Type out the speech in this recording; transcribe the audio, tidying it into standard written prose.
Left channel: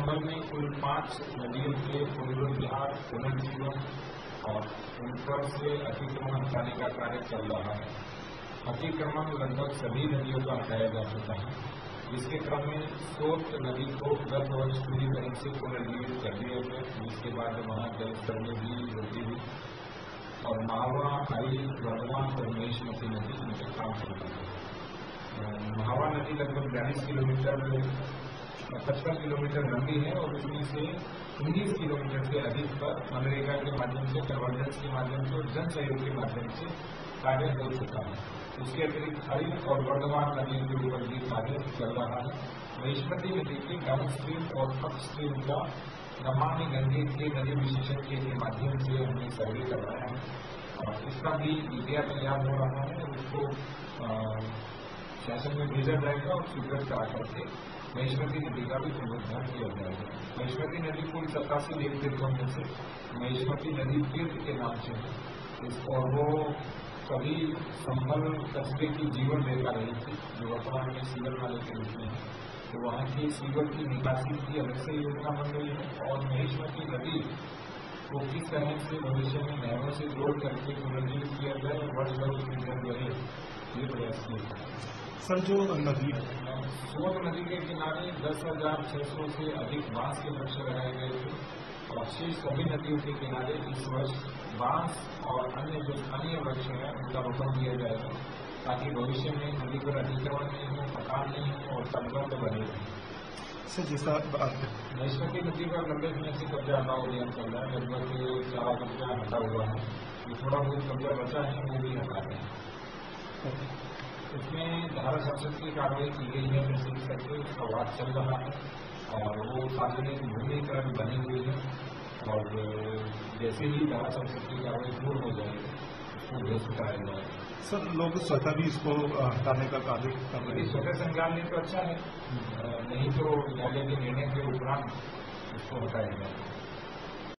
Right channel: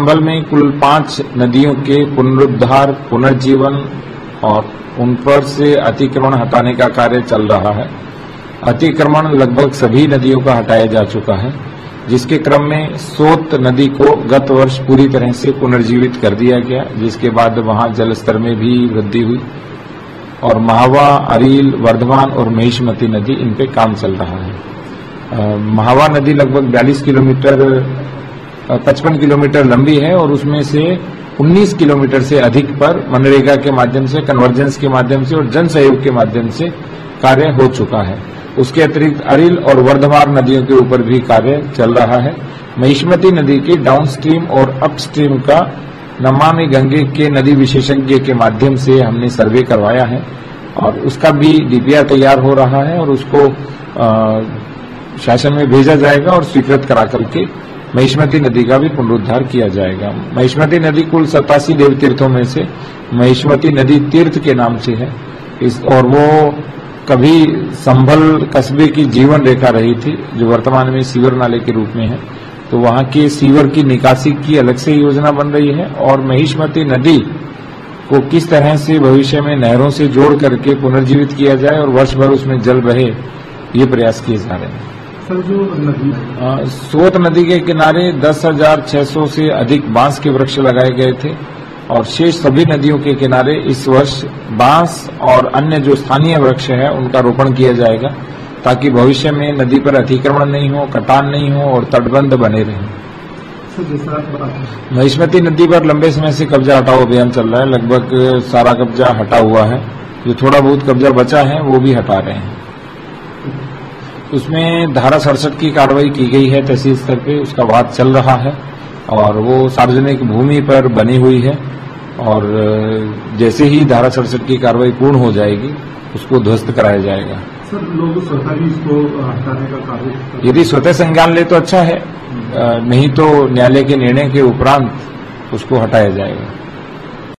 संभल में कुल 5 नदियों के पुनरुद्धार, पुनर्जीवन और उन पर से अतिक्रमण हटाने का कार्य चल रहा है। अतिक्रमण लगभग सभी नदियों का हटाया जा चुका है, जिसके क्रम में सोत नदी को गत वर्ष पूरी तरह से पुनर्जीवित कर दिया गया, जिसके बाद वहां जल स्तर में भी वृद्धि हुई और महावा, अरील, वर्धमान और महिष्मती नदी इन पे काम चल रहा है। महावा नदी लगभग 55 किलोमीटर लंबी है और उसमें से 19 किलोमीटर से अधिक पर मनरेगा के माध्यम से, कन्वर्जेंस के माध्यम से और जन सहयोग के माध्यम से कार्य हो चुका है। उसके अतिरिक्त अरिल और वर्धमान नदियों के ऊपर भी कार्य चल रहा है। महिष्मती नदी के डाउनस्ट्रीम और अपस्ट्रीम का नमामि गंगे के नदी विशेषज्ञ के माध्यम से हमने सर्वे करवाया है और उसका भी डीपीआर तैयार हो रहा है और उसको शासन में भेजा जाएगा और स्वीकृत करा करके महिष्मती नदी का भी पुनरुद्धार किया जाएगा। महिष्मती नदी कुल 87 देव तीर्थों में से महिष्मती नदी तीर्थ के नाम से है और वो कभी संभल कस्बे की जीवन रेखा रही थी, जो वर्तमान में सीवर नाले के रूप में है। तो वहां के सीवर की निकासी की अलग से योजना बन रही है और महिष्मती नदी को किस तरह से भविष्य में नहरों से जोड़ करके पुनर्जीवित किया जाए और वर्ष भर उसमें जल बहे, ये प्रयास किए जा रहे हैं। सर, जो नदी सोत नदी के किनारे 10,600 से अधिक बांस के वृक्ष लगाए गए थे और शेष सभी नदियों के किनारे इस वर्ष बांस और अन्य जो स्थानीय वृक्ष है उनका रोपण किया जाएगा, ताकि भविष्य में नदी पर अतिक्रमण नहीं हो, कटान नहीं हो और तटबंध बने रहें। सर, जैसा आप बताते हैं, महिष्मती नदी पर लंबे समय से कब्जा हटाओ अभियान चल रहा है। लगभग सारा कब्जा हटा हुआ है, जो थोड़ा बहुत कब्जा बचा है वो भी हटा रहे हैं। उसमें धारा 67 की कार्रवाई की गई है तहसील स्तर पे, उसका वाद चल रहा है और वो सार्वजनिक भूमि पर बनी हुई है और जैसे ही धारा 67 की कार्रवाई पूर्ण हो जाएगी उसको ध्वस्त कराया जाएगा। सर, लोग स्वतः भी इसको हटाने का कार्य, यदि स्वतः संज्ञान ले तो अच्छा है, नहीं तो न्यायालय के निर्णय के उपरांत उसको हटाया जाएगा।